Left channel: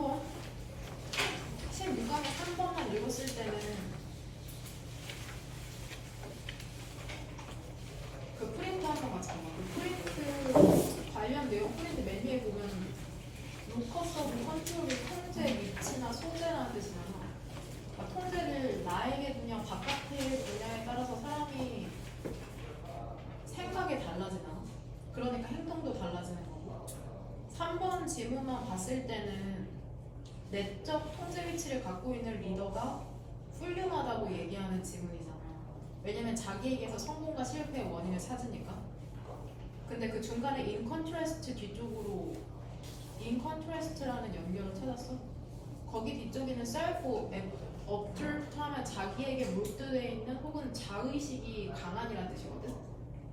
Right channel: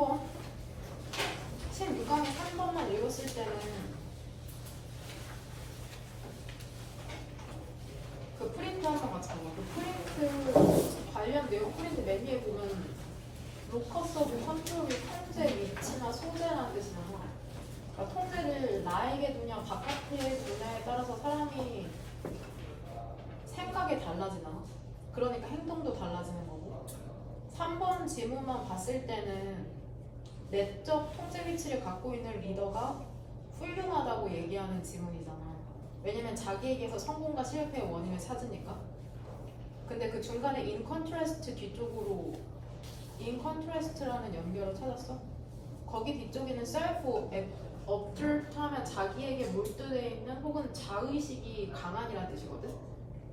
3번. 책 유감이 3번만 읽었을 때는 그 프린트하는 거잖아요. 그 프린트 관련 내용 프린트 메뉴에 보면 로커스 오브 컨트롤이 통제 위치나 소재라는 뜻이잖아. 그러니까 통제를 나에게 두냐 바깥에 두냐에 따라서 사람이 생각이 달라지잖아. 그러니까 행동도 달라지는 거고. 3번 지문만 봤을 때는 내적 통제 위치를 갖고 있는 리더가 훌륭하다고 얘기하는 지문이잖아. 왜냐면 자기에게서 성공과 실패의 원인을 찾으니까. 근데 그 중간에 in contrast 뒤쪽으로 in contrast라는 연결을 찾았어? 거기 뒤쪽에는 self-observed 하면 자기에게 몰두되어 있는 혹은 자의식이 강한이라는 뜻이거든.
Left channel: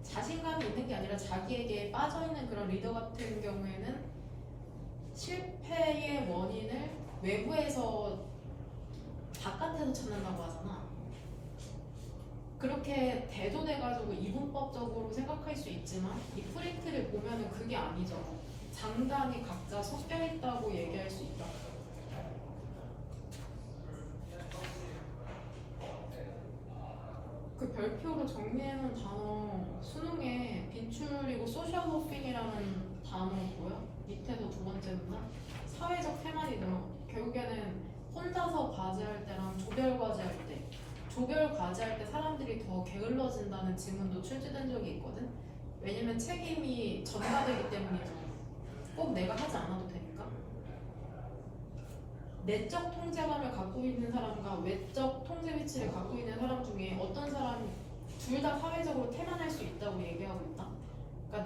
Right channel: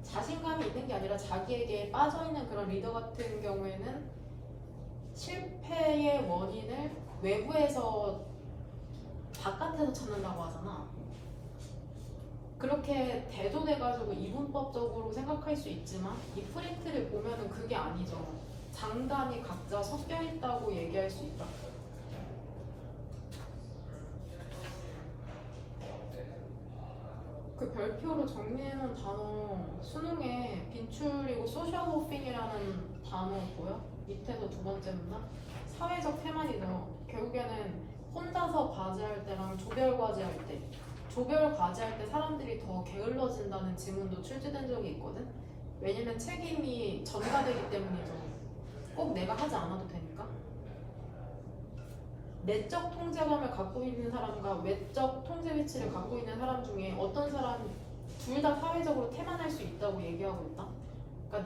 자신감이 있는 게 아니라 자기에게 빠져있는 그런 리더 같은 경우에는 실패의 원인을 외부에서 바깥에서 찾는다고 하잖아. 그렇게 대존해가지고 이분법적으로 생각할 수 있지만 이 프린트를 보면은 그게 아니죠. 장단이 각자 섞여 있다고 얘기할 수 있다. 그 별표로 정리해놓은 단어 수능에 비추리고 소셜 호핑이라는 단어 보여? 밑에서 두 번째 문단 사회적 테마리죠. 결국에는 혼자서 과제할 때랑 조별 과제할 때 조별 과제할 때 사람들이 더 게을러진다는 지문도 출제된 적이 있거든. 왜냐면 책임이 전가되기 때문이죠. 꼭 내가 하지 않아도 되니까. 내적 통제감을 갖고 있는 사람과 외적 통제 위치를 갖고 있는 사람 중에 어떤 사람이 둘 다 사회적으로 태만할 수 있다고 얘기하고 있다. 그러니까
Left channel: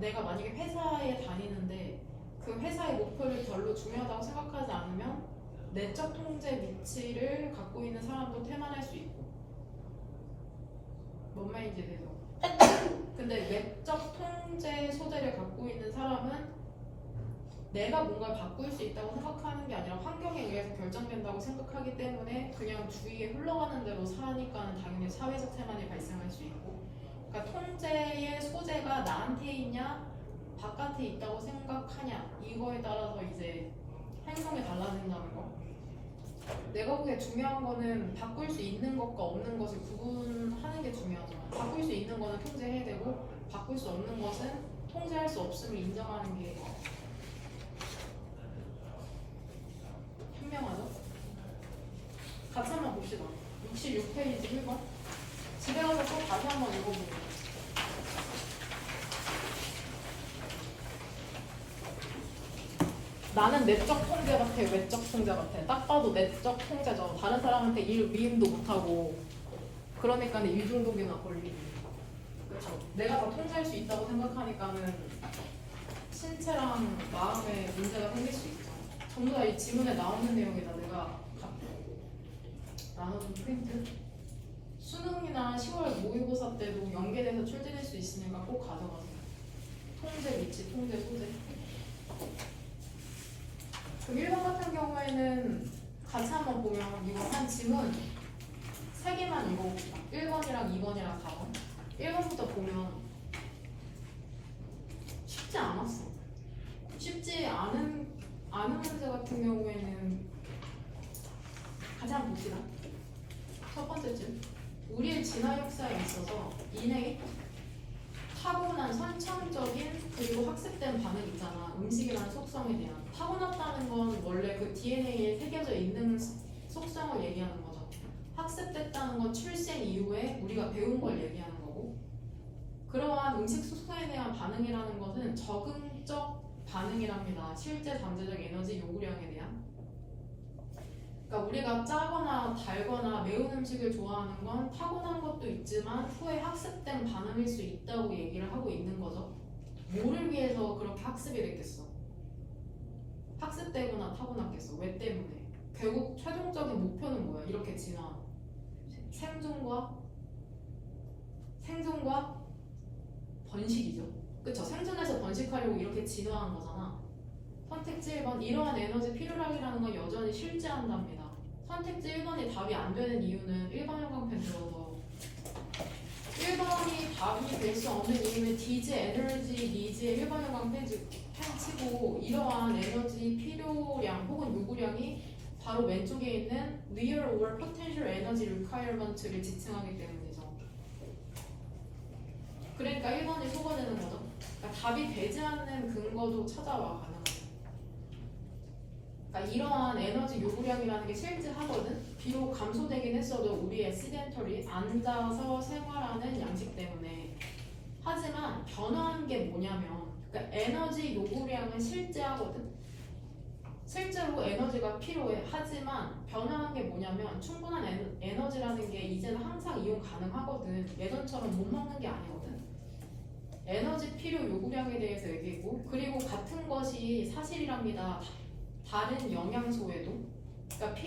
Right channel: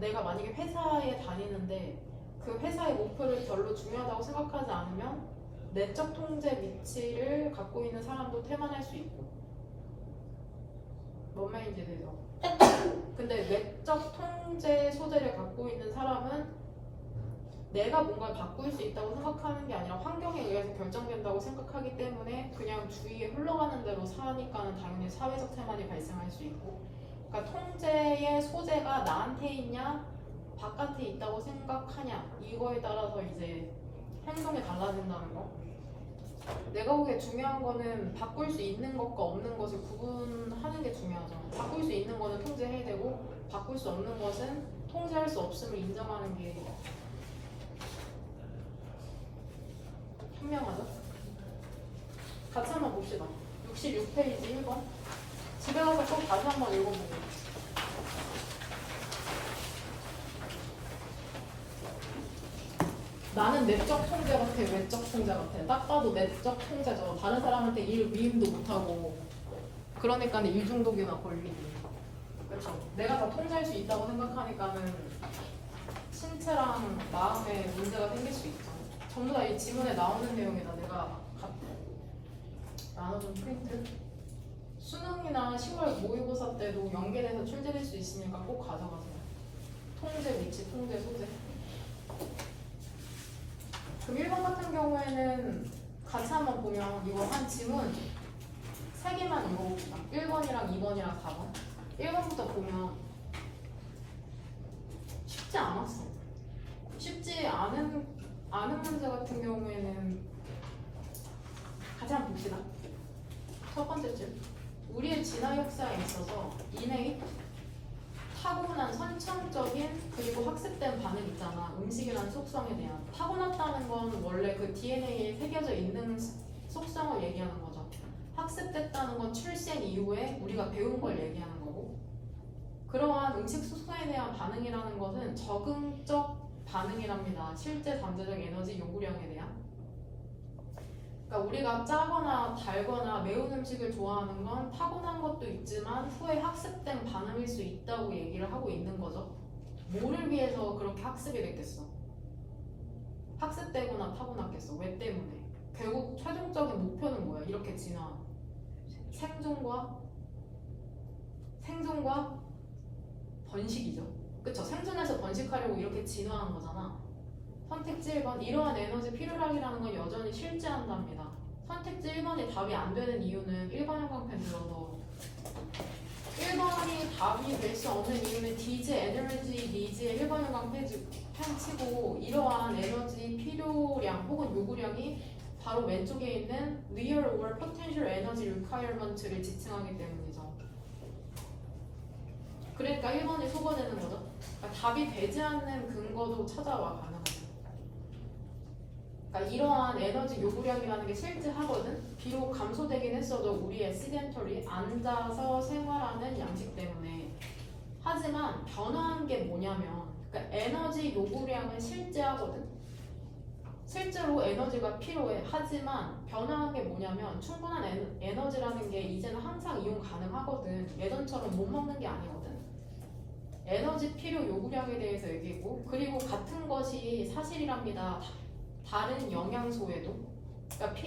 내가 만약에 회사에 다니는데 그 회사의 목표를 별로 중요하다고 생각하지 않으면 내적 통제 위치를 갖고 있는 사람도 태만할 수 있고. 뭔 말인지 되죠? 근데 외적 통제 소재를 갖고 있는 사람은 내가 뭔가를 바꿀 수 있다고 생각하는 게 아니라 환경에 의해서 결정된다고 생각하기 때문에 그냥 주위에 흘러가는 대로 사니까는 당연히 사회적 태만이 발생할 수 있고. 그러니까 통제의 소재가 나한테 있냐 바깥에 있다고 생각하냐 이거에 따라서 이제 행동이 달라진다는 거. 내가 보기에 중요한 거는 바꿀 수 있는 것과 없는 것을 구분하는 게 중요하죠. 바꿀 수 있는 거는 통제해야 되고 바꿀 수 없는 것은 통제할 수 없음을 인정하는 게 현명하죠. 같이 한번 봅시다. 66페이지 1번. 집에 가서 꼭 다시 한번 읽어보세요. 나는 내적 통제 같아, 외적 통제 같아. 딱 봐도 내적 통제죠. 다른 사람한테 일 위임도 못하고. 그러니까 이중독이나 걸리기. 그렇죠. 내가 다 통제할 수 있다고 생각하니까는 신체랑 마음에 문제가 생길 수 있죠. 전부 다 이 지문에 나오는 내용이다. 내가 나눠준 프린트. 수능이나 10월 모의고사 때도 연계돼서 출제될 수 있으니까 꼭 가져가세요. 통제 위치, 통제 소재. 그 1번 같은 경우에는 같이 한번 보면 이거 한 지문 3개만 읽어봅시다. 1번이랑 2번이랑 4번. 1번부터 보면 쉽지 않았어. 쉽지 않은 문제 같은 경우에는 같이 한번 봅시다. 첫 번째 줄. 우리의 진화 역사에 있어서 인의 타고난 선천적인 그리고 학습된 반응 있잖아. 음식에 대한 속성에 대한. 타고났다는 건 원래 그 DNA에 새겨져 있는 속성을 얘기하는 거죠. 학습됐다는 건 출생 이후에 우리가 배운 걸 얘기하는 거고. 그러한 음식 속성에 대한 반응이라는 것은 적응적 반응이랍니다. 실제 잠재적 에너지 요구량에 대한. 그러니까 우리가 짜거나 달거나 매운 음식을 좋아하는 건 타고난 것도 있지만 후에 학습된 반응일 수 있다고 얘기를 하고 있는 거죠. 뭐를 위해서 그렇게 학습이 됐겠어? 학습되거나 타고났겠어. 왜 때문에? 결국 최종적인 목표는 뭐야? 이렇게 진화. 생존과 번식이죠. 그쵸? 생존해서 번식하려고 이렇게 진화한 거잖아. 선택지 1번. 이러한 에너지 필요량이라는 건 여전히 실제한답니다. 선택지 1번이 답이 안 되는 이유는 1번 형광펜 들어서 1번이 답이 될 수 없는 이유는 디즈 에너지 니즈의 1번 형광펜 치고 이러한 에너지 필요 요구량이 바로 왼쪽에 있는 real or potential energy requirement를 지칭하기 때문이죠. 그러니까 1번이 소거되는 거죠. 그러니까 답이 되지 않는 근거도 찾아와 가능해요. 그러니까 이러한 에너지 요구량이라는 게 실질하거든. 비록 감소되긴 했어도 우리의 시덴터리 앉아서 생활하는 양식 때문에. 하지만 변화한 게 뭐냐면, 그러니까 에너지 요구량은 실제하거든. 실제로 에너지가 필요해. 하지만 변화한 게 뭐냐면 충분한 에너지라는 게 이제는 항상 이용 가능하거든. 예전처럼 못 먹는 게 아니거든. 에너지 필요 요구량에 대해서 얘기했고, 그리고 같은 것이 사실이랍니다. 다른 영양소에도. 그러니까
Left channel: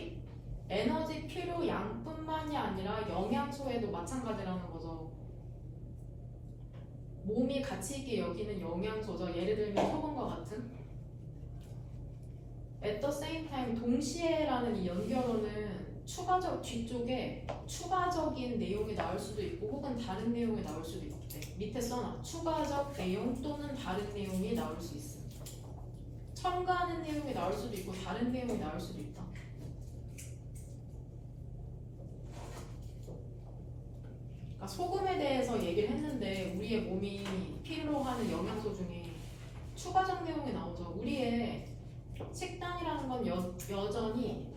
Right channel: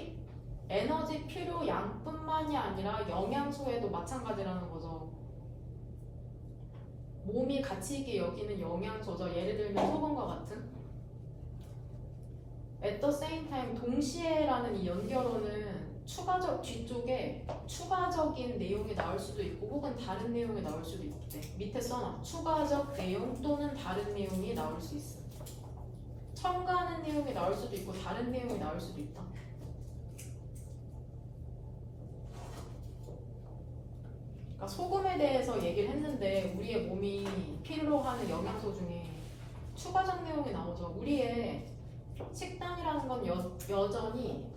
에너지 필요 양뿐만이 아니라 영양소에도 마찬가지라는 거죠. 몸이 가치 있게 여기는 영양소죠. 예를 들면 소금과 같은. At the same time, 동시에라는 이 연결어는 뒤쪽에 추가적인 내용이 나올 수도 있고 혹은 다른 내용이 나올 수도 있대. 밑에 써놔. 추가적 내용 또는 다른 내용이 나올 수 있어. 첨가하는 내용이 나올 수도 있고 다른 내용이 나올 수도 있다. 그러니까 소금에 대해서 얘기를 했는데 우리의 몸이 필요로 하는 영양소 중에 추가적 내용이 나오죠. 우리의 식단이라는 건 여전히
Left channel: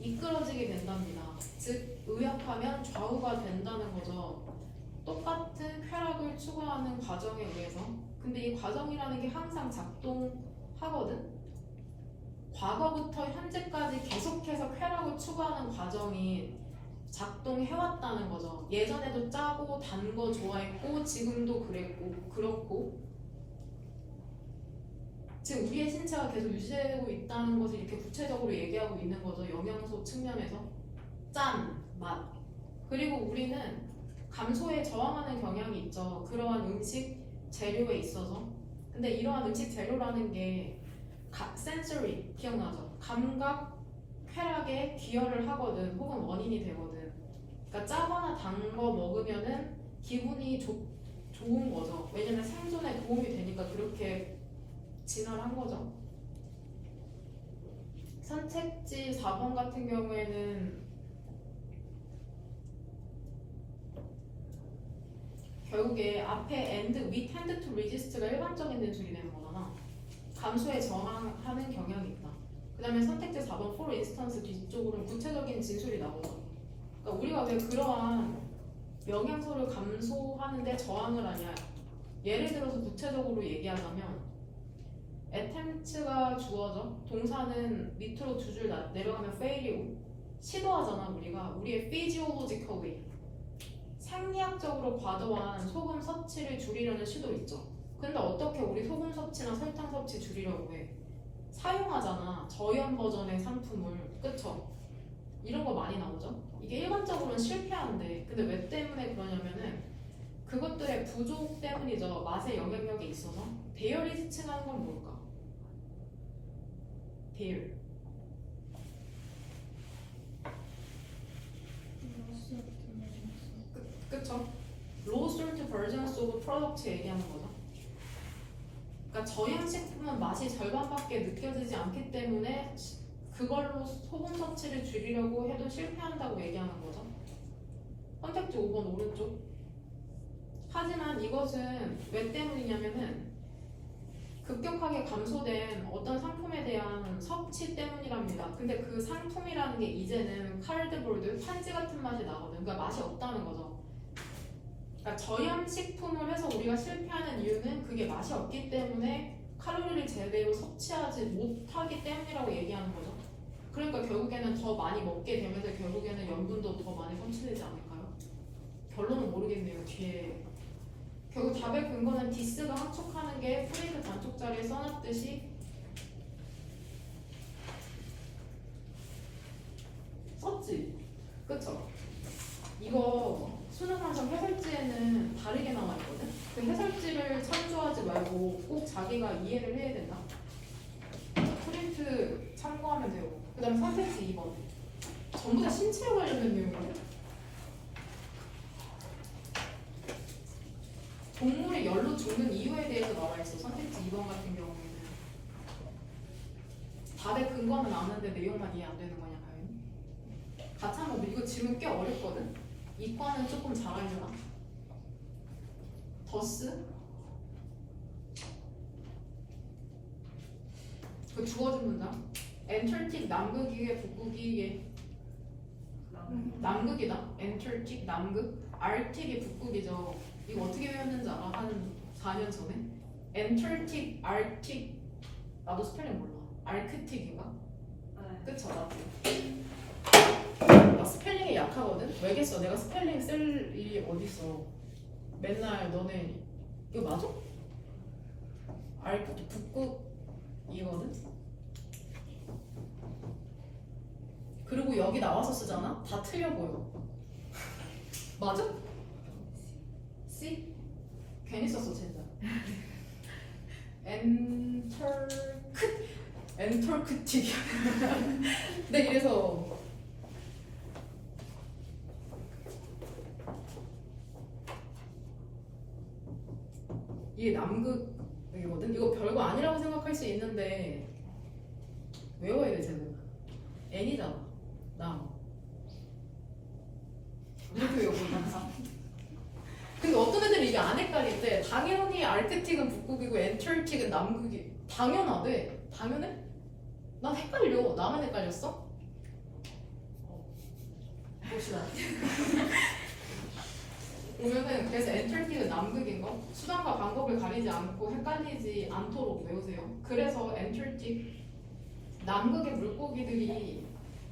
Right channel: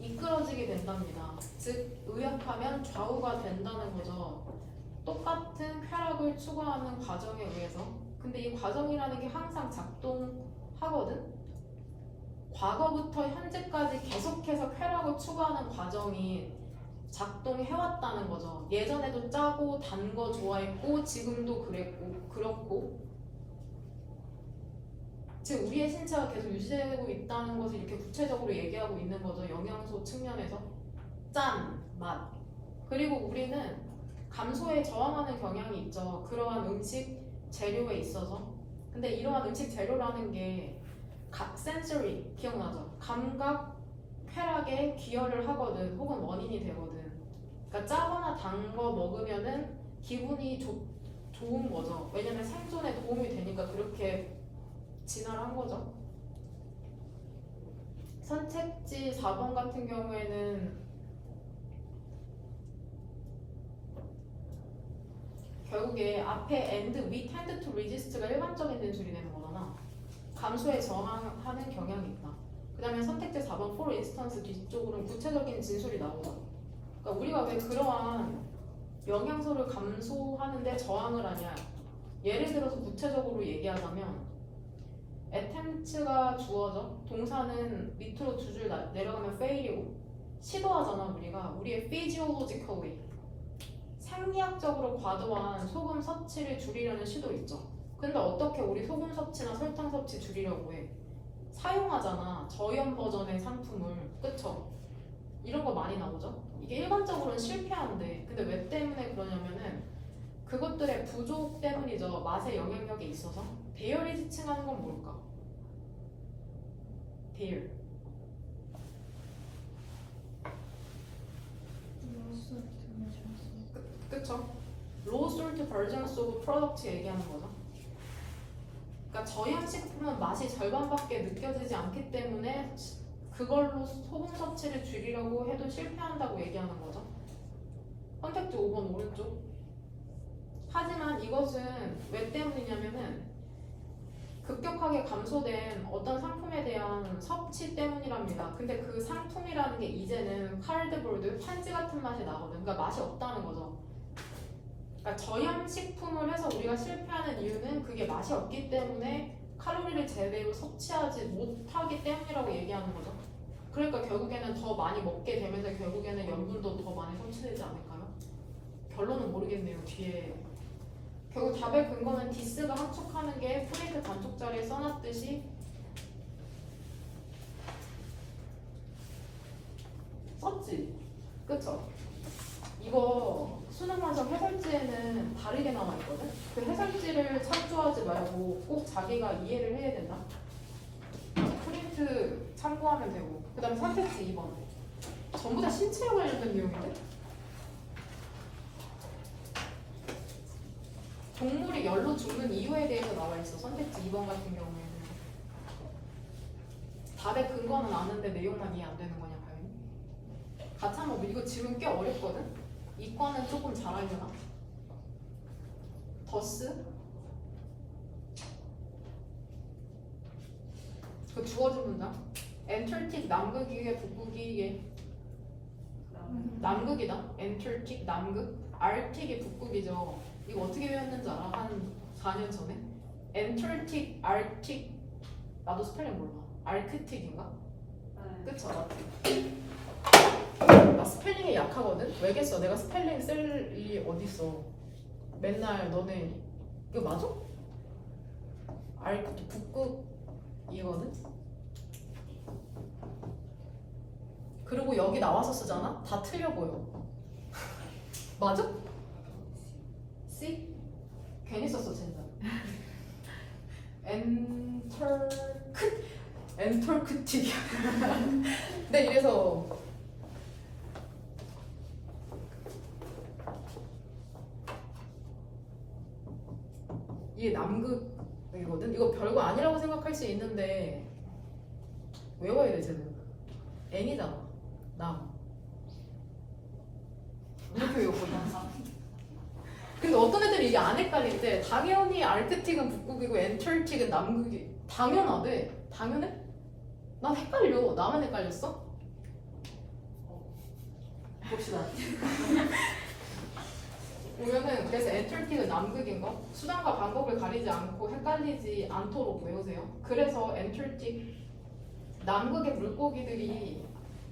이끌어지게 된답니다. 즉 의역하면 좌우가 된다는 거죠. 똑같은 쾌락을 추구하는 과정에 의해서. 근데 이 과정이라는 게 항상 작동하거든. 과거부터 현재까지 계속해서 쾌락을 추구하는 과정이 작동해왔다는 거죠. 예전에도 짜고 단 거 좋아했고 지금도 그렇고 즉 우리의 신체가 계속 유지되고 있다는 것을 이렇게 구체적으로 얘기하고 있는 거죠. 영양소 측면에서 짠, 맛. 그리고 우리는 감소에 저항하는 경향이 있죠. 그러한 음식 재료에 있어서. 근데 이러한 음식 재료라는 게 센서리 기억나죠? 감각 쾌락에 기여를 하거든. 혹은 원인이 되거든. 그러니까 짜거나 단 거 먹으면은 기분이 좋은 거죠. 왜냐면 생존에 도움이 되니까 그렇게 진화를 한 거죠. 선택지 4번 같은 경우에는 결국에 앞에 and we tend to resist가 일반적인 진술이 되는 거잖아. 감소에 저항하는 경향이 있다. 그 다음에 선택지 4번 for instance 뒤쪽으로는 구체적인 진술이 나오죠. 그러니까 우리가 왜 그러한 영양소를 감소하는데 저항을 하냐. 예를 들어서 구체적으로 얘기하자면 attempt가 주어져. 동사는 밑으로 두 줄 내려가면 fail이고 시도하잖아. 우리의 physiologically 생리학적으로 과도한 소금 섭취를 줄이려는 시도 있죠. 근데 어떻게 우리 소금 섭취나 설탕 섭취 줄이려고 해? 사용하잖아. 저염 버전의 상품을. 그쵸? 이런 거 많이 나오죠. 이게 일반적으로는 실패한데 근데 왜 때문에 그러냐면은 그것들의 부족 때문이죠. 맛의 영향력이 있어서. 배열이 지칭하는 건 뭘까? 배열. 그쵸? low salt versions of product 얘기하는 거죠. 그러니까 저염식품은 맛이 절반밖에 느껴지지 않기 때문에 그걸로 소금 섭취를 줄이려고 해도 실패한다고 얘기하는 거죠. 선택지 5번 오른쪽. 하지만 이것은 왜 때문이냐면은 급격하게 감소된 어떤 상품에 대한 섭취 때문이랍니다. 근데 그 상품이라는 게 이제는 카드보드, 판지 같은 맛이 나거든. 그러니까 맛이 없다는 거죠. 그러니까 저염식품을 해서 우리가 실패하는 이유는 그게 맛이 없기 때문에 칼로리를 제대로 섭취하지 못하기 때문이라고 얘기하는 거죠. 그러니까 결국에는 더 많이 먹게 되면서 결국에는 염분도 더 많이 섭취되지 않을까요? 결론은 모르겠네요. 뒤에 결국 답의 근거는 디스가 함축하는 게 프레이드 단축자리에 써놨듯이 썼지? 그쵸? 이거 수능 완성 해설지에는 다르게 나와있거든? 그 해설지를 참조하지 말고 꼭 자기가 이해를 해야 된다. 프린트 참고하면 되고. 그 다음에 선택지 2번. 전부 다 신체에 관련된 내용인데? 동물이 열로 죽는 이유에 대해서 나와있어. 선택지 2번 같은 경우에는. 답의 근거는 아는데 내용만 이해 안 되는 거냐고요. 가창법 이거 지금 꽤 어렵거든. 이과는 조금 잘 알려나? 더스? 그 주어진 문장. 엔틀틱 남극이게 북극이게 남극이다. 엔틀틱 남극. 알틱이 북극이죠. 이거 어떻게 배웠는지 알아? 한 4년 전에? 엔틀틱 알틱 나도 스펠링 몰라. 알크틱인가? 그쵸? 나 스펠링이 약하거든? 왜겠어? 내가 스펠링 쓸 일이 어딨어. 맨날 너네 이거 맞아? 북극이거든? 그리고 여기 나와서 쓰잖아? 다 틀려 보여. 맞아? C? 괜히 썼어 진짜. 엔털크틱. 네, 이래서 이게 남극이거든? 이거 별거 아니라고 생각할 수 있는데 외워야 돼 쟤는. N이잖아. 남. 이렇게 외우고. 근데 어떤 애들이 이게 안 헷갈릴 때 당연히 알크틱은 북극이고 엔틀틱은 남극이 당연하대. 당연해? 난 헷갈려. 나만 헷갈렸어? 봅시다. 보면은 그래서 엔틀틱은 남극인 거 수단과 방법을 가리지 않고 헷갈리지 않도록 외우세요. 그래서 엔틀틱 남극의 물고기들이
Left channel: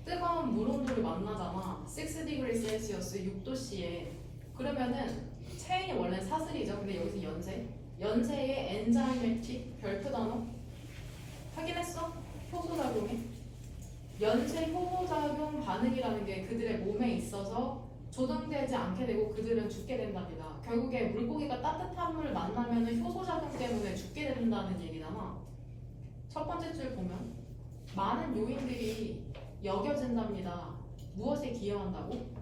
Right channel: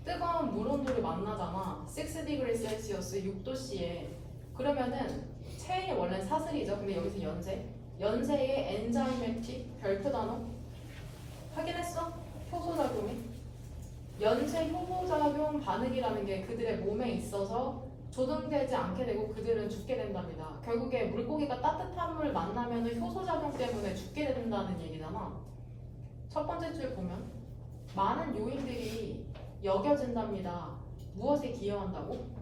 뜨거운 물 온도를 만나잖아. 6° 셀시어스 6도씨에. 그러면은 체인이 원래 사슬이죠. 근데 여기서 연쇄의 엔자이매틱 별표 단어 확인했어? 효소작용이 연쇄 효소작용 반응이라는 게 그들의 몸에 있어서 조정되지 않게 되고 그들은 죽게 된답니다. 결국에 물고기가 따뜻한 물 만나면 효소작용 때문에 죽게 된다는 얘기잖아. 첫 번째 줄 보면 많은 요인들이 여겨진답니다. 무엇에 기여한다고?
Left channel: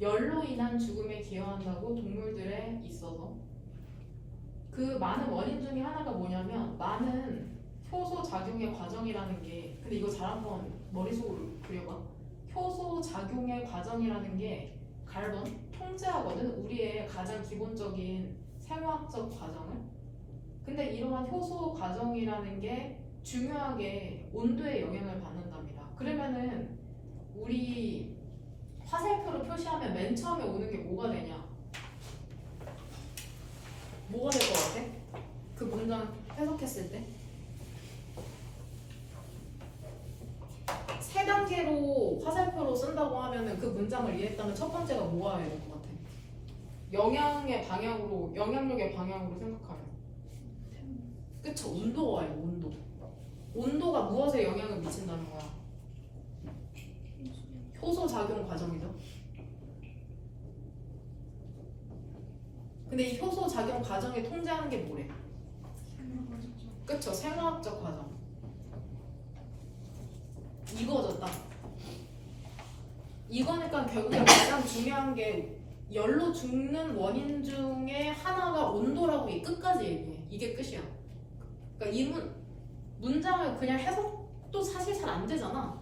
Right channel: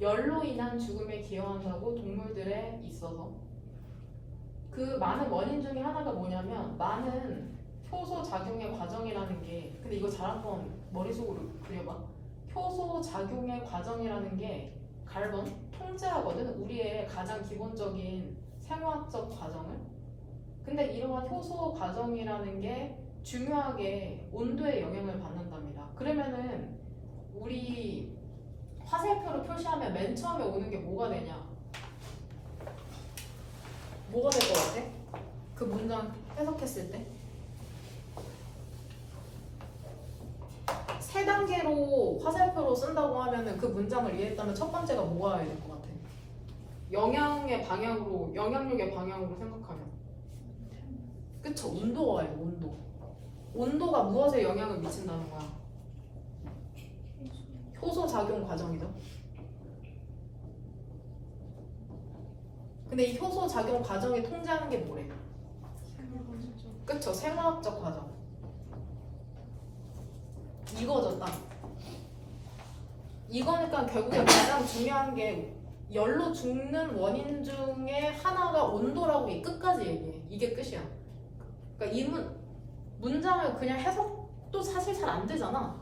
열로 인한 죽음에 기여한다고 동물들에 있어서. 그 많은 원인 중에 하나가 뭐냐면 많은 효소 작용의 과정이라는 게, 근데 이거 잘 한번 머릿속으로 그려봐. 효소 작용의 과정이라는 게 갈본 통제하거든. 우리의 가장 기본적인 생화학적 과정을. 근데 이러한 효소 과정이라는 게 중요하게 온도에 영향을 받는답니다. 그러면은 우리 화살표로 표시하면 맨 처음에 오는 게 뭐가 되냐? 뭐가 될 것 같아? 그 문장 해석했을 때? 세 단계로 화살표로 쓴다고 하면은 그 문장을 이해했다면 첫 번째가 뭐가 될 것 같아? 영향의 방향으로, 영향력의 방향으로 생각하면. 그쵸? 온도가 아니고 온도. 온도가 무엇에 영향을 미친다는 거야? 효소 작용 과정이죠. 근데 이 효소 작용 과정이 통제하는 게 뭐래? 그쵸? 생화학적 과정. 이거죠, 딱. 이거니까 결국에 가장 중요한 게 열로 죽는 원인 중에 하나가 온도라고 끝까지 얘기해. 이게 끝이야. 그러니까 이 문장을 그냥 해석도 사실 잘 안 되잖아.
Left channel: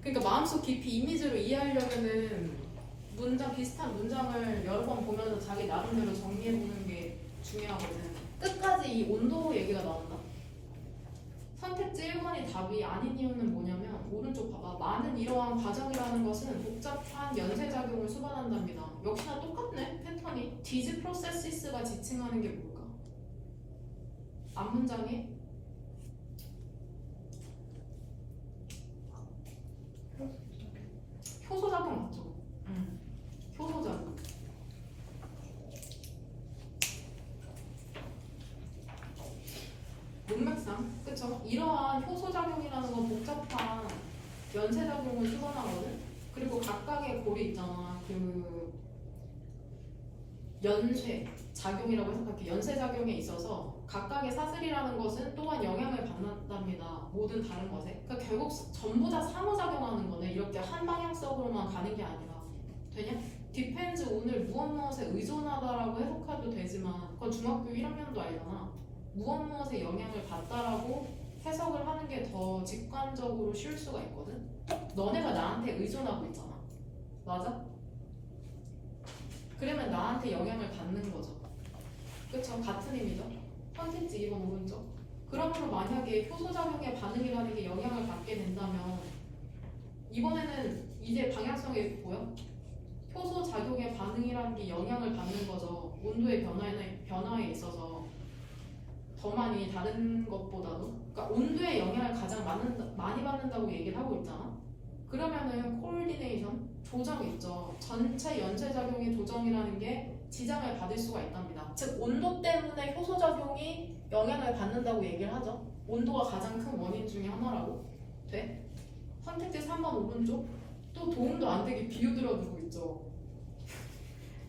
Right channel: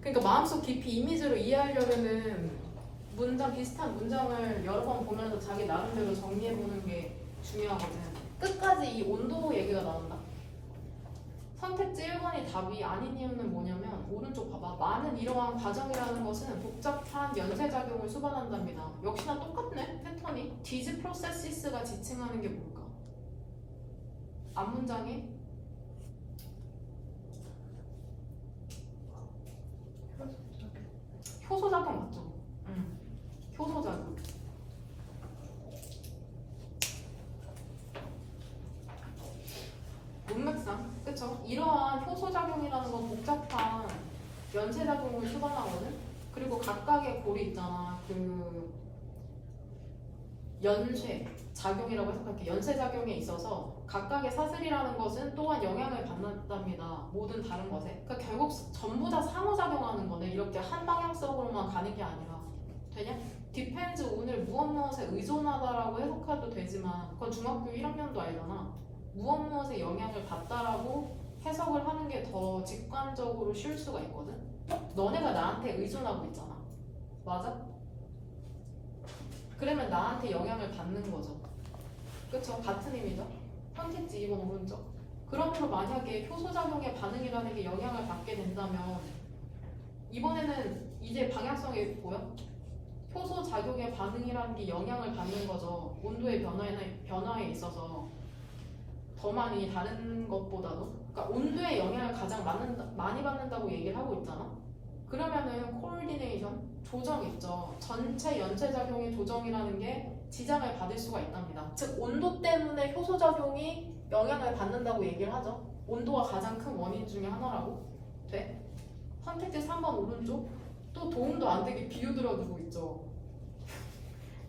그러니까 마음속 깊이 이미지로 이해하려면은 문장 비슷한 문장을 여러 번 보면서 자기 나름대로 정리해보는 게 중요하거든. 끝까지 이 온도 얘기가 나온다. 선택지 1번이 답이 아닌 이유는 뭐냐면 오른쪽 봐봐. 많은 이러한 과정이라는 것은 복잡한 연쇄작용을 수반한답니다. 역시나 똑같네. 패턴이. These processes가 지칭하는 게 뭘까? 앞문장이 효소작용 맞죠? 효소작용. 문맥상, 그쵸? 이러한 효소작용이라는 건 복잡한 연쇄작용을 수반하거든? 그리고 각각의 골이 있잖아. 그 연쇄 작용이라고 생각해. 연쇄작용에 있어서 각각의 사슬이라는 것은 또한 영향을 받는답니다. 모든 다른 것에. 그러니까 결국 전부 다 상호작용하는 거네. 이렇게 한 방향성으로만 가는 게 아니라. 되냐? depends 오늘 무엇에 의존하다라고 해석해도 되지만 그건 중학교 1학년도 알잖아. 무엇에 영향을 받다라고 해석을 하는 게 더 직관적으로 쉴 수가 있거든. 너네가 나한테 의존하고 있잖아. 맞아? 그러면 나한테 영향을 받는 거죠. 그쵸? 같은 의미죠. 선택지 2번 오른쪽. 그러므로 만약에 효소작용의 반응이라는 게 영향을 받게 된다면 이번에는 이제 방향성이 뭐야? 효소작용의 반응이라는 게 영향을 받는 거죠. 온도의 변화에 있어서 더 많이 다른 것보다도. 그러니까 온도의 영향을 가장 많이 받는다고 얘기를 하고 있잖아. 그러면은 코디네이션, 조정 있죠. 전체 연쇄작용의 조정이라는 게 지장을 받을 수가 있답니다. 즉 온도 때문에 효소작용이 영향을 받는다고 얘기를 하죠. 온도가 가장 큰 원인 중에 하나라고. 돼? 선택지 3번 오른쪽. 또 도움도 안 되게 비유들어 두고 있죠.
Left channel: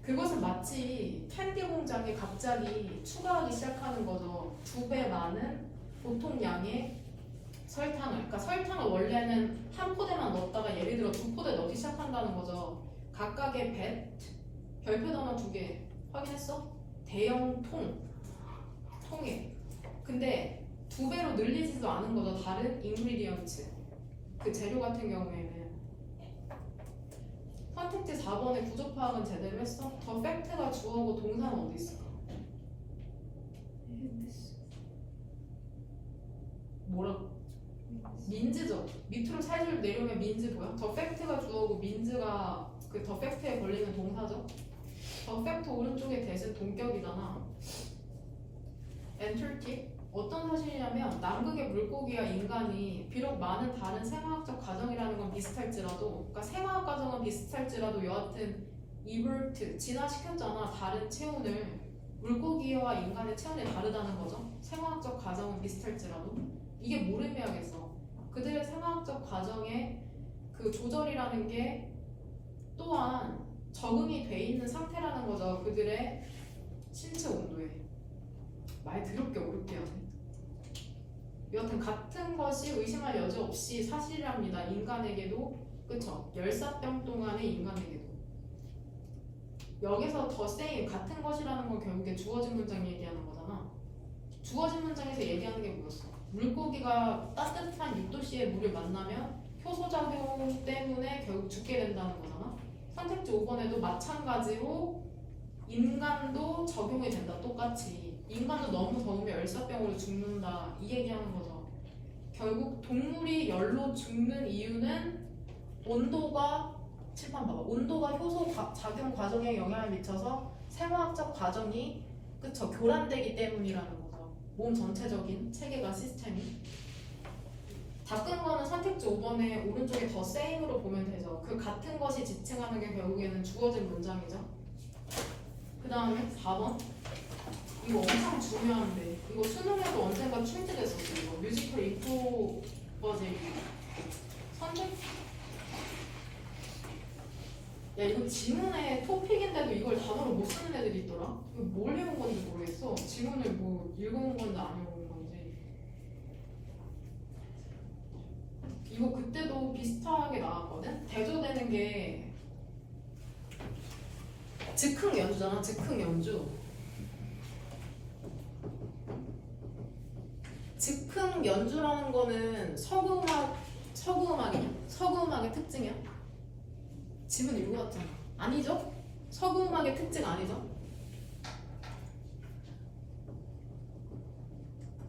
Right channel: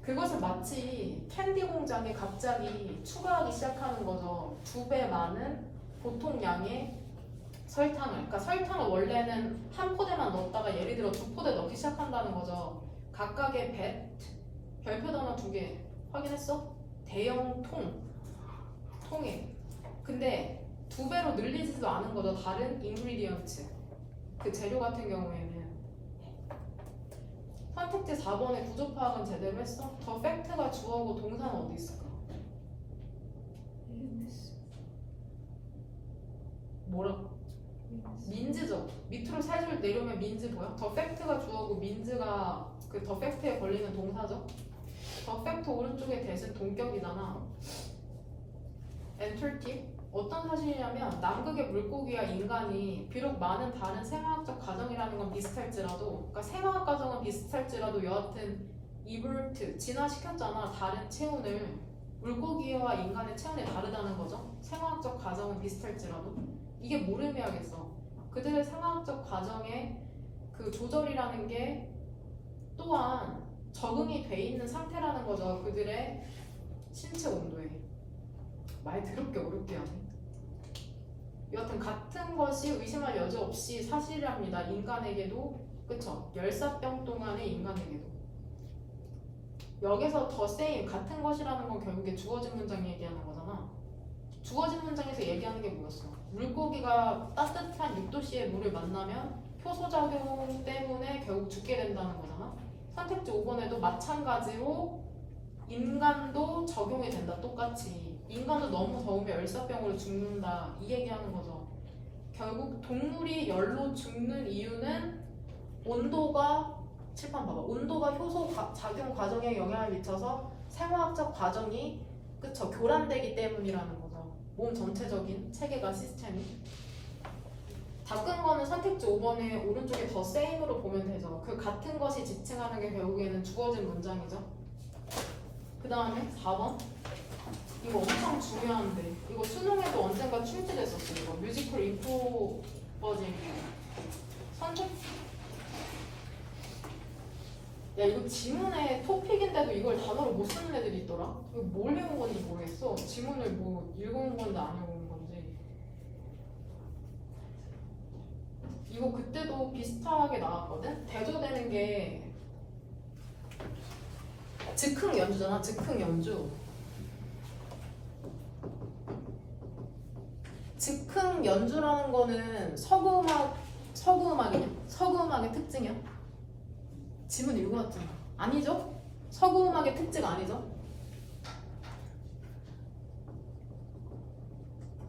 그것을 마치 캔디 공장에 갑자기 추가하기 시작하는 거죠. 2배 많은 보통 양의 설탕을. 그러니까 설탕을 원래는 한 포대만 넣었다가 예를 들어 2포대 넣기 시작한다는 거죠. 각각의 배, 별표 단어 2개 확인했어? 대형 통에. 근데 2배로 늘리지도 않은 거죠. 다른 인그리디언트. 그 재료 같은 경우에는. 선택지 4번의 구조 파악은 제대로 했어? 더 팩트가 주어고 동사는 어디 있을까? 뭐라고? 민즈죠. 밑으로 살살 내려오면 민즈 뭐야? 더 팩트가 주어고 민즈가 그 더 팩트에 걸리는 동사죠. 더 팩트 오른쪽에 대신 동격이잖아. 엔틀티? 어떤 사실이냐면 남극의 물고기와 인간이 비록 많은 다른 생화학적 과정이라는 건 비슷할지라도, 그러니까 생화학 과정은 비슷할지라도 여하튼 이볼트 진화시켰잖아. 다른 체온을. 물고기와 인간의 체온이 다르다는 거죠. 생화학적 과정은 비슷할지라도. 이게 뭘 의미하겠어? 그들의 생화학적 과정의 그 조절이라는 게 또한 적응이 돼 있는 상태라는 거죠. 그들의 신체 온도에. 말 더럽게 어렵게 하네. 여하튼 같은 것이 의심할 여지 없이 사실이랍니다. 인간에게도. 그쵸? 열사병 동안의 인간에게도. 여기서 더 same 같은 것이라는 건 결국에 주어진 문장 얘기하는 거잖아. 주어진 문장에서 얘기하는 게 뭐였어? 물고기가 따뜻한 6도씨의 물을 만나면 효소작용 때문에 결국 죽게 된다는 거잖아. 선택지 5번에도 마찬가지로 인간도 적용이 된다. 똑같이. 인간도 너무 더우면 열사병으로 죽는다. 이 얘기하는 거죠. 결국 동물이 열로 죽는 이유는 온도가, 칠판 봐봐. 온도가 효소 작용 과정에 영향을 미쳐서 생화학적 과정이 그쵸 교란되기 때문이라는 거죠. 몸 전체적인 체계가 시스템이. 다 끈 거는 선택지 5번에 오른쪽에 더 same으로 보면 되죠. 그 같은 것이 지칭하는 게 결국에는 주어진 문장이죠. 그 다음에 4번. 이거 엄청 중요한데 이거 수능에도 언젠가 출제됐었어요. 이거 뮤지컬 인포 버전 선택. 야 이거 지문의 토픽인데도 이걸 단어로 못 쓰는 애들이 있더라. 이거 뭘 해본 건지 모르겠어. 지문을 뭐 읽어본 건지 안 읽어본 건지. 이거 그때도 비슷하게 나왔거든. 대조되는 게 즉흥 연주잖아. 즉흥 연주. 즉흥 연주라는 거는 서구음악이냐? 서구음악의 특징이야? 지문 읽어봤잖아. 아니죠? 서구음악의 특징 아니죠?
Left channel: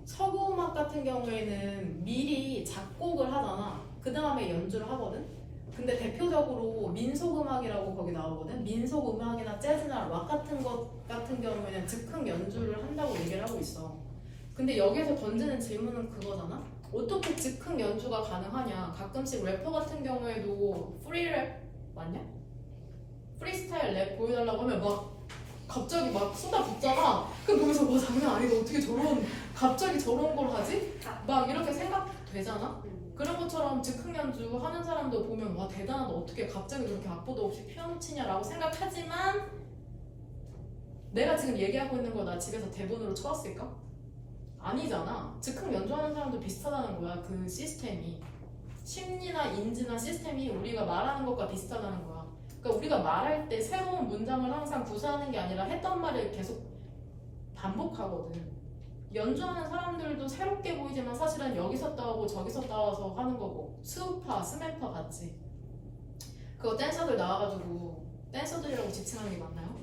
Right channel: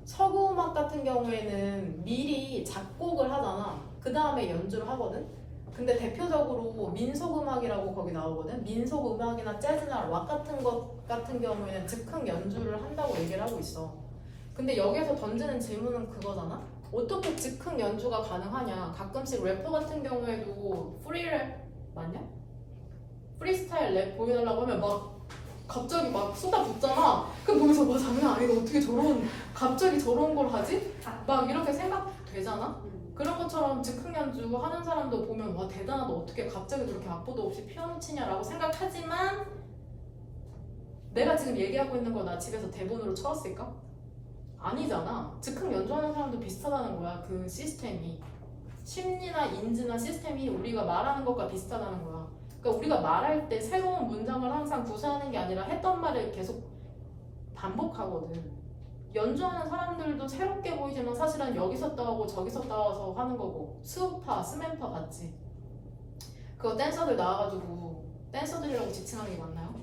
서구음악 같은 경우에는 미리 작곡을 하잖아. 그 다음에 연주를 하거든? 근데 대표적으로 민속음악이라고 거기 나오거든? 민속음악이나 재즈나 락 같은 것 같은 경우에는 즉흥 연주를 한다고 얘기를 하고 있어. 근데 여기서 던지는 질문은 그거잖아? 어떻게 즉흥 연주가 가능하냐? 가끔씩 래퍼 같은 경우에도 프리랩 맞냐? 프리스타일 랩 보여달라고 하면 막 갑자기 막 쏟아붓잖아. 그럼 보면서 와 장난 아니다. 어떻게 갑자기 저런 걸 하지? 막 이렇게 생각되잖아? 그런 것처럼 즉흥 연주 하는 사람도 보면 와 대단하다. 어떻게 갑자기 저렇게 악보도 없이 피아노 치냐라고 생각하지만 내가 지금 얘기하고 있는 거 나 집에서 대본으로 쳐왔을까? 아니잖아. 즉흥 연주하는 사람도 비슷하다는 거야. 그 시스템이. 심리나 인지나 시스템이 우리가 말하는 것과 비슷하다는 거야. 그러니까 우리가 말할 때 새로운 문장을 항상 구사하는 게 아니라 했던 말을 계속 반복하거든. 연주하는 사람들도 새롭게 보이지만 사실은 여기서 따오고 저기서 따와서 하는 거고 스우파, 스맨파 같이 그거 댄서들 나와가지고 댄서들이라고 지칭하는 게 맞나요?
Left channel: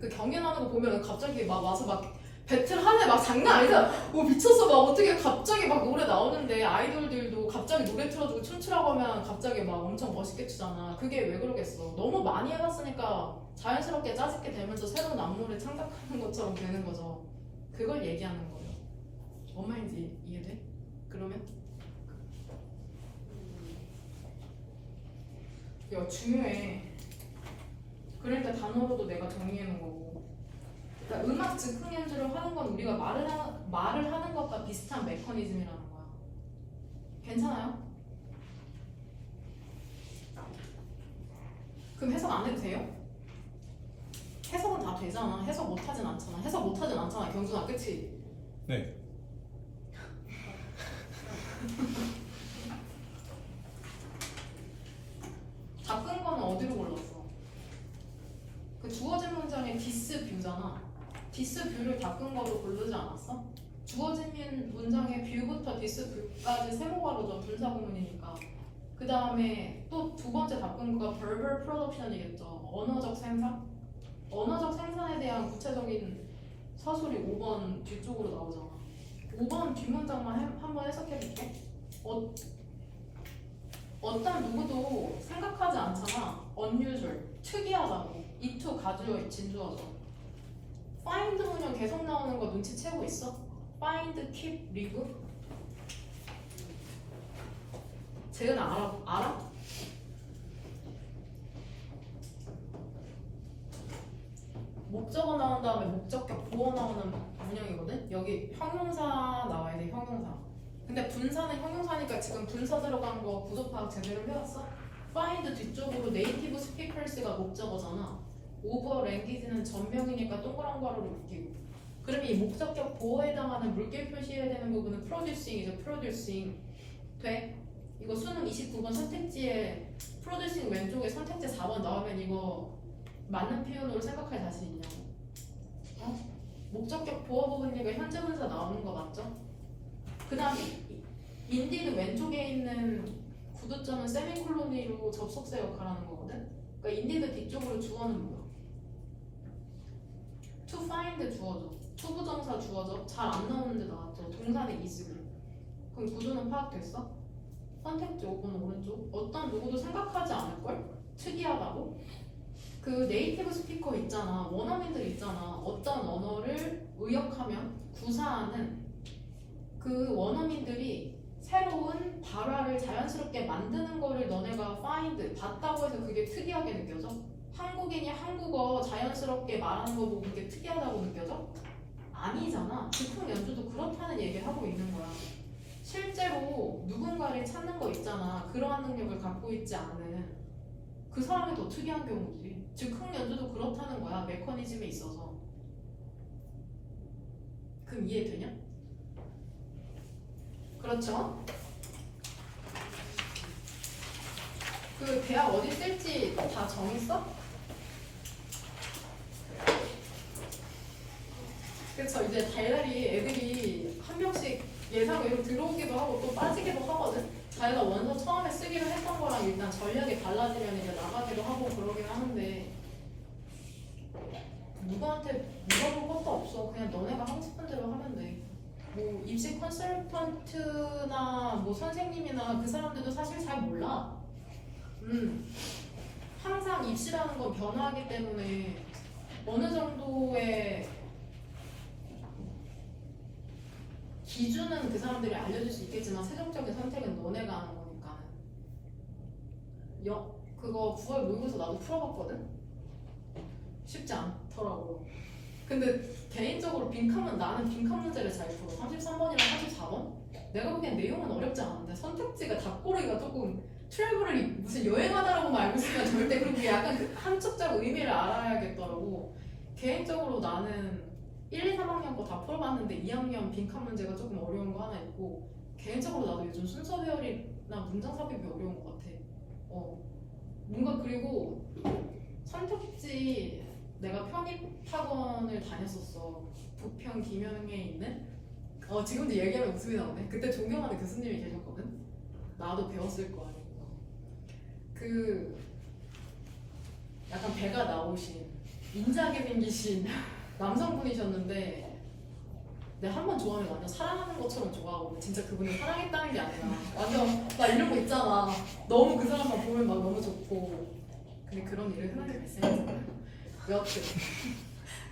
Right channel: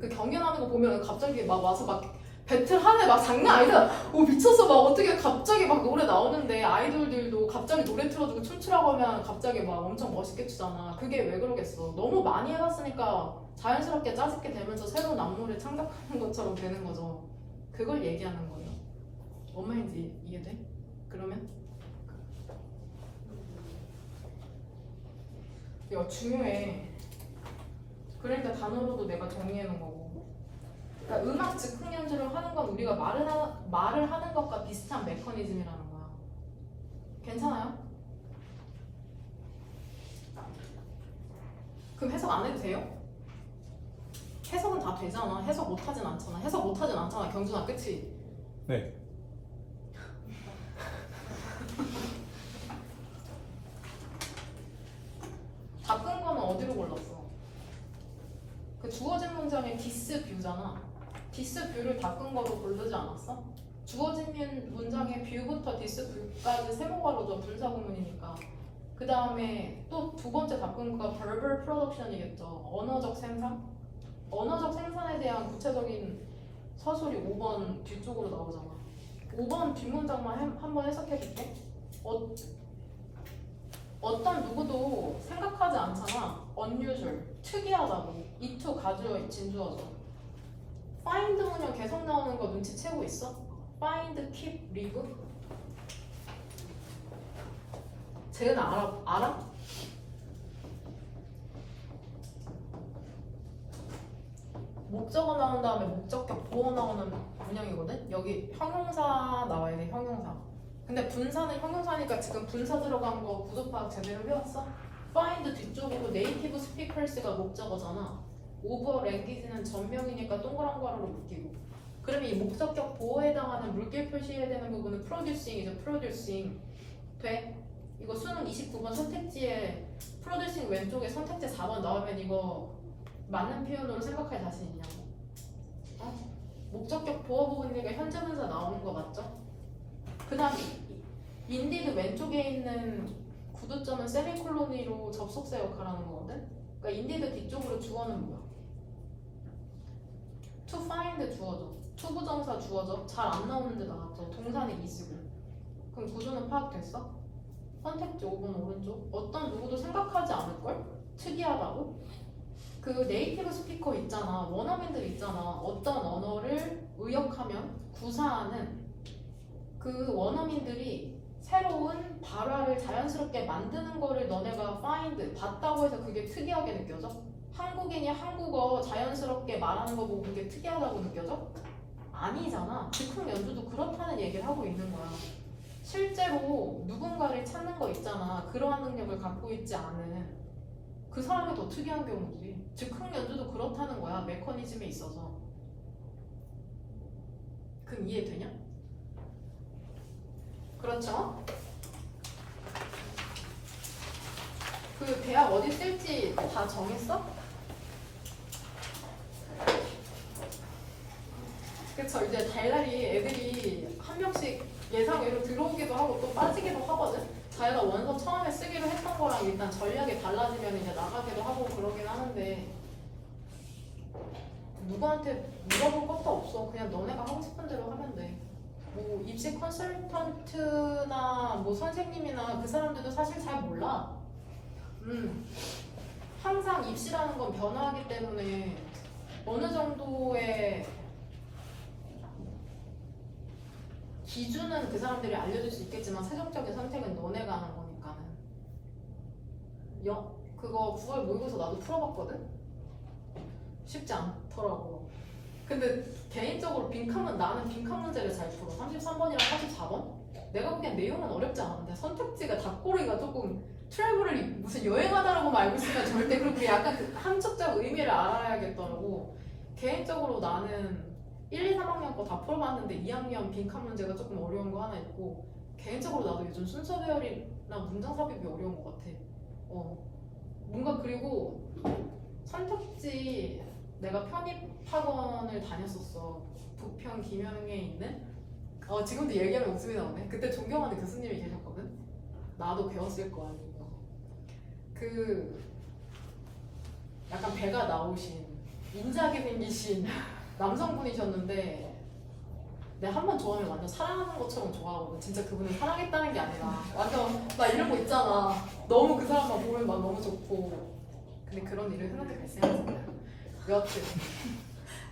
그 경연하는 거 보면 갑자기 막 와서 막 배틀 하네 막 장난 아니다. 오 미쳤어 막 어떻게 갑자기 막 노래 나오는데 아이돌들도 갑자기 노래 틀어주고 춤추라고 하면 갑자기 막 엄청 멋있게 추잖아. 그게 왜 그러겠어. 너무 많이 해봤으니까 자연스럽게 짜집게 되면서 새로운 안무를 창작하는 것처럼 되는 거죠. 그걸 얘기하는 거예요. 뭔 말인지 이해돼? 그러면? 이거 중요해. 그러니까 단어로도 내가 정리해 놓은 거고. 그러니까 음악 즉흥 연주를 하는 건 우리가 말을 하는 것과 비슷한 메커니즘이라는 거야. 괜찮아요? 그럼 해석 안 해도 돼요? 해석은 다 되잖아. 해석 못하진 않잖아. 해석 못하진 않잖아. 경준아, 그치? 네. 바꾼 거는 어디로 골랐어? 그 주어진 문장의 디스 뷰잖아. 디스 뷰를 바꾼 거로 고르지 않았어? 주어진 문장의 뷰부터 디스 뷰까지 세모가로죠. 분사 구문이니까. 그 다음에 또 두 번째 바꾼 거가 verbal production이겠죠. 언어적 생산? 언어적 생산에 대한 구체적인 서술이 5번 뒤쪽으로 나오잖아. 5번 뒷문장만 한번 해석해 줄게. 어떤 누구도 생각하지 않잖아. unusual, 특이하다고. 이투 가져 진주어죠. find 문형 계속 나오는 거 눈치채고 있어? find, keep, live? 쟤는 알아? 목적어 나온 다음에 목적격 보어 나오는 문형이거든? 여기 형용사 나와야 돼, 형용사. 근데 분사는 형용사니까 지금 분사 들어간 거 구조 파악 제대로 해왔어? find 뒤쪽으로 네이티브 스피커스가 목적어잖아. over 랭귀지는 전명이니까 동그란 괄호로 묶이고. 그러면 이 목적격 보어에 해당하는 물결 표시해야 되는 부분은 producing이죠. producing. 돼? 이거 수능 29번 선택지에 producing 왼쪽에 선택지 4번 나오면 이거 맞는 표현으로 생각할 자신 있냐고. 목적격 보어 부분이니까 현재 분사 나오는 거 맞죠? 그 다음에 인디드 왼쪽에 있는 구두점은 세미콜론으로 접속사 역할을 하는 거거든? 그러니까 인디드 뒤쪽으로 주어는 뭐야? to find 주어죠. to 부정사 주어죠. 잘 안 나오는데 나왔죠. 동사는 is고. 그럼 구조는 파악됐어? 선택지 5번 오른쪽. 어떤 누구도 생각하지 않을걸? 특이하다고? 그 네이티브 스피커 있잖아. 원어민들이 있잖아. 어떤 언어를 의역하면 구사하는 그 원어민들이 새로운 발화를 자연스럽게 만드는 거를 너네가 find, 봤다고 해서 그게 특이하게 느껴져? 한국인이 한국어 자연스럽게 말하는 거 보고 그게 특이하다고 느껴져? 아니잖아. 즉흥 연주도 그렇다는 얘기를 하고 있는 거야. 실제로 누군가를 찾는 거 있잖아. 그러한 능력을 갖고 있지 않은 그 사람이 더 특이한 경우지. 즉흥 연주도 그렇다는 거야. 메커니즘에 있어서. 그럼 이해되냐? 그렇죠? 그 대학 어디 쓸지 다 정했어? 그렇죠. 이제 달달이 애들이 한 명씩 예상외로 들어오기도 하고 또 빠지기도 하거든. 자기가 원서 처음에 쓰기로 했던 거랑 일단 전략이 달라지면 이제 나가기도 하고 그러긴 하는데 누구한테 물어볼 것도 없어. 그냥 너네가 하고 싶은 대로 하면 돼. 뭐 입시 컨설턴트나 뭐 선생님이나 그 사람들도 사실 잘 몰라. 항상 입시라는 건 변화하기 때문에 어느 정도의 기준은 그 사람들이 알려줄 수 있겠지만 최종적인 선택은 너네가 하는 거니까. 그거 9월 모의고사 나도 풀어봤거든? 쉽지 않더라고. 근데 개인적으로 나는 빈칸 문제를 잘 풀어. 33번이랑 44번? 내가 보기엔 내용은 어렵지 않은데 선택지가 답고르기가 조금 트래블이 무슨 여행하다라고만 알고 있으면 절대 그렇게 약간 그 함축적 의미를 알아야겠더라고. 개인적으로 나는 1, 2, 3학년 거 다 풀어봤는데 2학년 빈칸 문제가 조금 어려운 거 하나 있고 개인적으로 나도 요즘 순서 배열이나 문장 삽입이 어려운 것 같아. 뭔가 그리고 선택지 내가 편입학원을 다녔었어. 부평 김영에 있는 지금도 얘기하면 웃음이 나오네. 그때 존경하는 교수님이 계셨거든. 나도 배웠을 거 아니고. 그 약간 배가 나오신 인자하게 생기신 남성분이셨는데 내가 한 번 좋아하면 완전 사랑하는 것처럼 좋아하고 진짜 그분을 사랑했다는 게 아니라 완전 나 이런 거 있잖아. 너무 그 사람만 보면 막 너무 좋고. 근데 그런 일을 흔하게 발생했어요. 여튼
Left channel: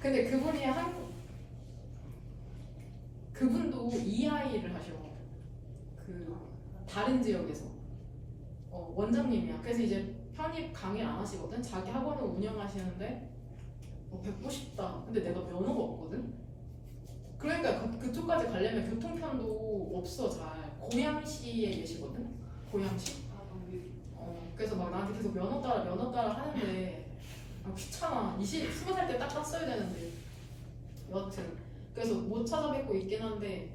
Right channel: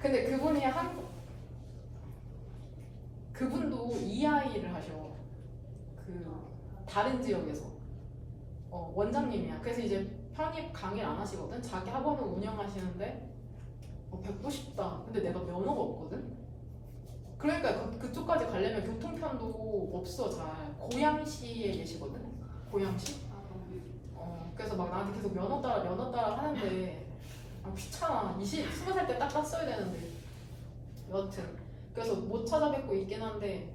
근데 그분도 EI를 하셔. 그 다른 지역에서 원장님이야. 그래서 이제 편입 강의를 안 하시거든. 자기 학원을 운영하시는데 뵙고 싶다. 근데 내가 면허가 없거든. 그러니까 그쪽까지 가려면 교통편도 없어. 잘 고양시에 계시거든. 고양시. 그래서 막 나한테 계속 면허 따라 하는데 귀찮아. 20살 때 딱 땄어야 되는데. 여튼 그래서 못 찾아뵙고 있긴 한데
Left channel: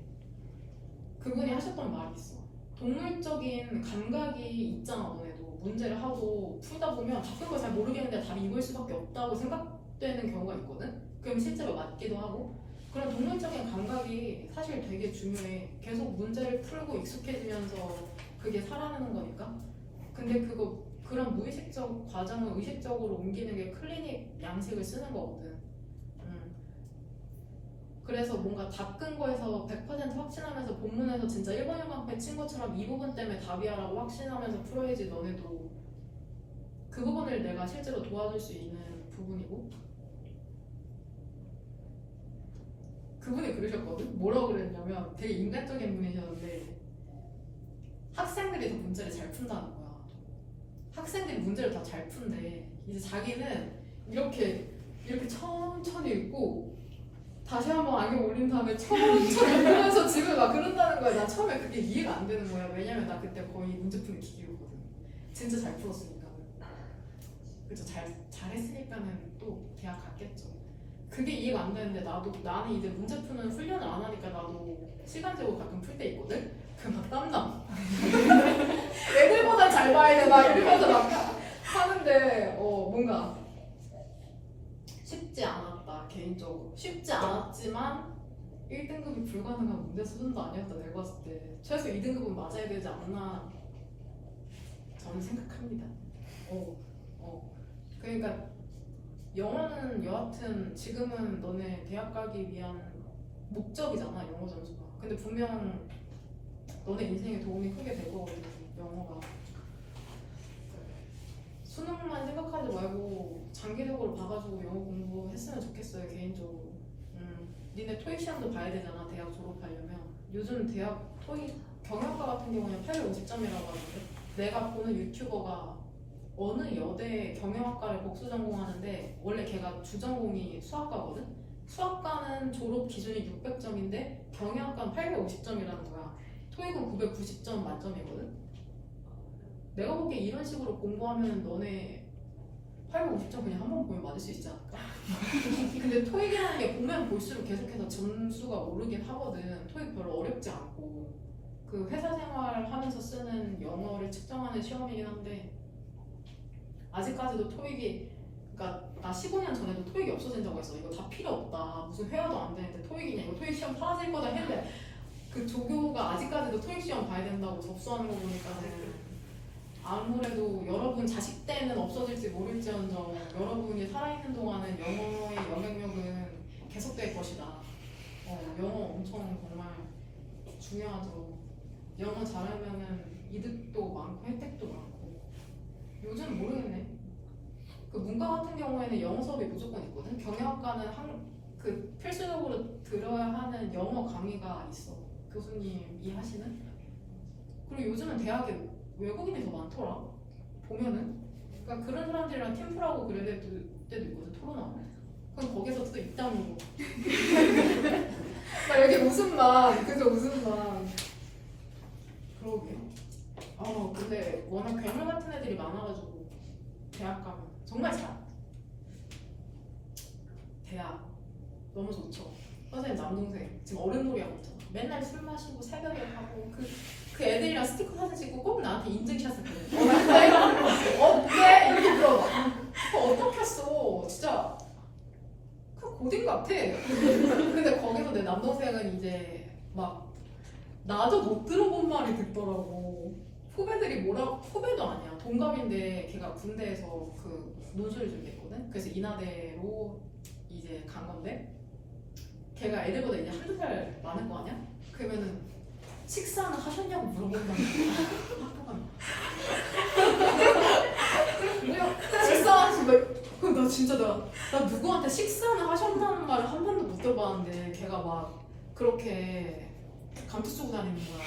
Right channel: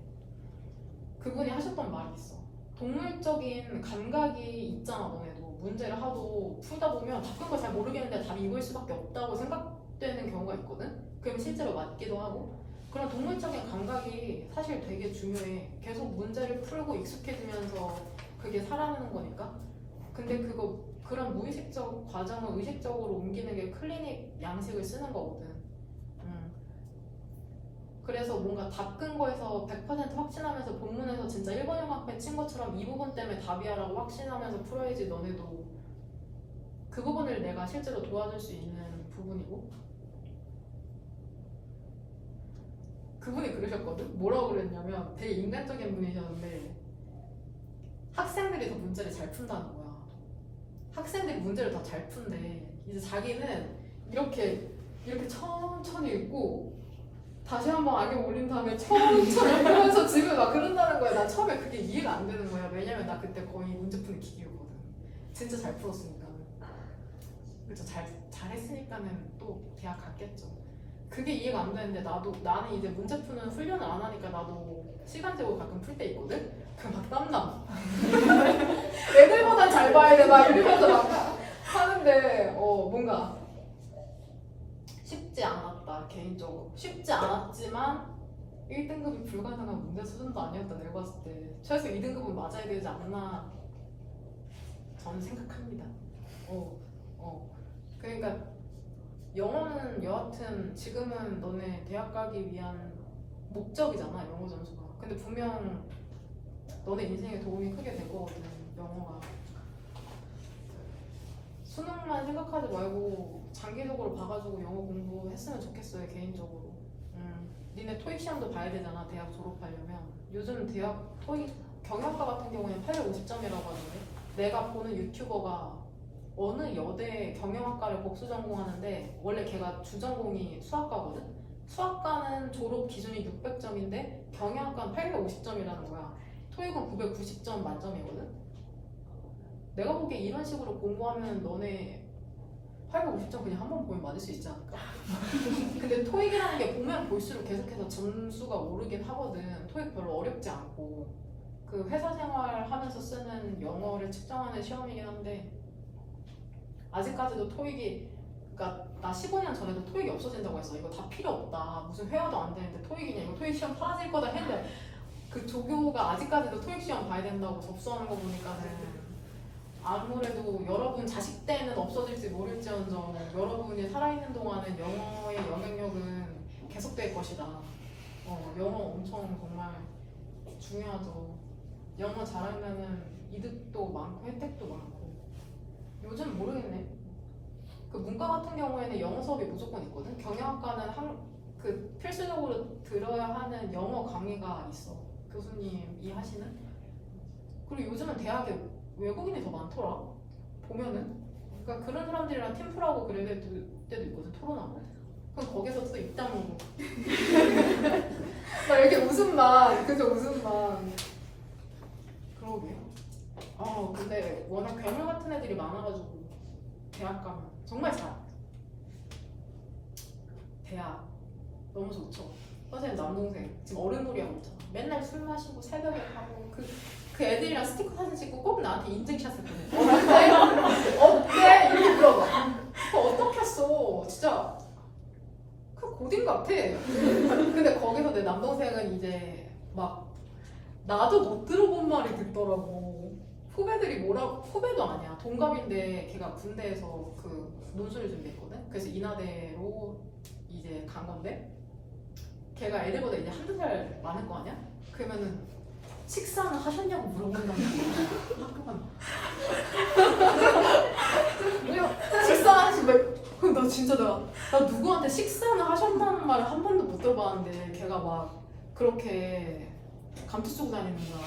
그분이 하셨던 말이 있어. 동물적인 감각이 있잖아. 너네도 문제를 하고 풀다 보면 답은 걸 잘 모르겠는데 답이 이거일 수밖에 없다고 생각되는 경우가 있거든. 그럼 실제로 맞기도 하고. 그런 동물적인 감각이 사실 되게 중요해. 계속 문제를 풀고 익숙해지면서 그게 살아나는 거니까. 근데 그런 무의식적 과정을 의식적으로 옮기는 게 클리닉 양식을 쓰는 거거든. 그래서 뭔가 답 근거에서 100% 확신하면서 본문에서 진짜 1번 형광펜 친 것처럼 이 부분 때문에 답이야라고 확신하면서 풀어야지. 너네도 그 부분을 내가 실제로 도와줄 수 있는 부분이고. 그분이 그러셨거든? 뭐라고 그랬냐면 되게 인간적인 분이셨는데 학생들이 더 문제를 잘 푼다는 거야. 학생들이 문제를 더 잘 푼대. 이제 자기는 이렇게 천천히 읽고 다시 한번 안경 올린 다음에 천천히 보면서 집에 막 그런다는 거야. 나 처음에 그게 이해가 안 되는 거야. 왜냐면 나 그때 거의 문제 푸는 기계였거든. 진짜 잘 풀었으니까. 그래서 잘했으니까는 또 대학 갔겠죠. 그게 이해가 안 되는데 나는 이제 문제 푸는 훈련을 안 하니까 나도 시간 재고 가끔 풀 때 있거든? 그럼 막 땀나. 애들보단 잘 봐야 돼. 막 이러면서 막 하는데 뭔가 쉽지 않았다. 개인적으로 쉽지 않았지만 1등급이 불가능한 문제 수준도 아니었다. 내가 봤을 때 최소 2등급은 맞아야 되지 않나 저는 생각합니다. 그러니까 영어는 여하튼 지금은 너네 대학 가기 위한 목적이잖아. 영어 점수가. 근데 분명 너네 인생에 도움이 크게 될 거거든. 영어가. 수능만 생각하지 말고 장기적으로 봐가지고 영어 공부했으면 좋겠어요. 개인적으로. 니네 토익 시험도 봐야 되잖아. 대학 졸업하려면. 요즘 대학 토익 경영학과 같은 경우에는 850점이라고 하거든. 내가 보는 유튜버가 어느 여대 경영학과를 복수 전공하는데 원래 걔가 주전공이 수학과거든? 수학과는 졸업 기준이 600점인데 경영학과는 850점이라는 거야. 토익은 990점 만점이거든? 내가 보기에 이런 식으로 공부하면 너네 850점 그냥 한 번 보면 맞을 수 있지 않을까? 근데 토익이라는 게 보면 볼수록 계속해서 점수가 오르긴 하거든. 토익 별로 어렵지 않고 그 회사 생활 하면서 쓰는 영어를 측정하는 시험이긴 한데 아직까지도 토익이, 그러니까 나 15년 전에도 토익이 없어진다고 했어. 이거 다 필요 없다. 무슨 회화도 안 되는데 토익이냐. 이거 토익 시험 사라질 거다 했는데 그 조교가 아직까지도 토익 시험 봐야 된다고 접수하는 거 보니까는 아무래도 여러분 자식 때는 없어질지 모를지언정 여러분이 살아있는 동안은 영어의 영향력은 계속될 것이다. 영어 엄청 정말 중요하죠. 영어 잘하면은 이득도 많고 혜택도 많고. 요즘 모르겠네. 그 문과 같은 경우에는 영어 수업이 무조건 있거든. 경영학과는 그 필수적으로 들어야 하는 영어 강의가 있어. 교수님이 하시는. 그리고 요즘은 대학에 외국인이 더 많더라. 보면은. 그러니까 그런 사람들이랑 팀플하고 그럴 때도 있거든. 토론하고. 그럼 거기서 또 입담이고. 나 이렇게 웃음만. 그게 웃음만. 그러게요. 근데 워낙 괴물 같은 애들이 많아가지고 대학 가면 정말 대학 너무 좋죠. 선생님 남동생 지금 어른놀이 하고 있잖아. 맨날 술 마시고 새벽에 가고 그 애들이랑 스티커 사진 찍고 꼭 나한테 인증샷을 보내. 어때? 이렇게 물어. 어떻게 했어? 진짜 그 고딩 같아. 근데 거기서 내 남동생은 이제 막 나도 못 들어본 말이 듣더라고. 후배들이 후배도 아니야. 동갑인데 걔가 군대에서 그 논술을 준비했거든. 그래서 인하대로 이제 간 건데 걔가 애들보다 이제 한두 살 많을 거 아니야? 그러면은 식사는 하셨냐고 물어본다는 거야. 식사하시 나 진짜 나 누구한테 식사는 하셨다는 말을 한 번도 못 들어봤는데 걔가 막 그렇게 감투 쓰고 다니는 거야.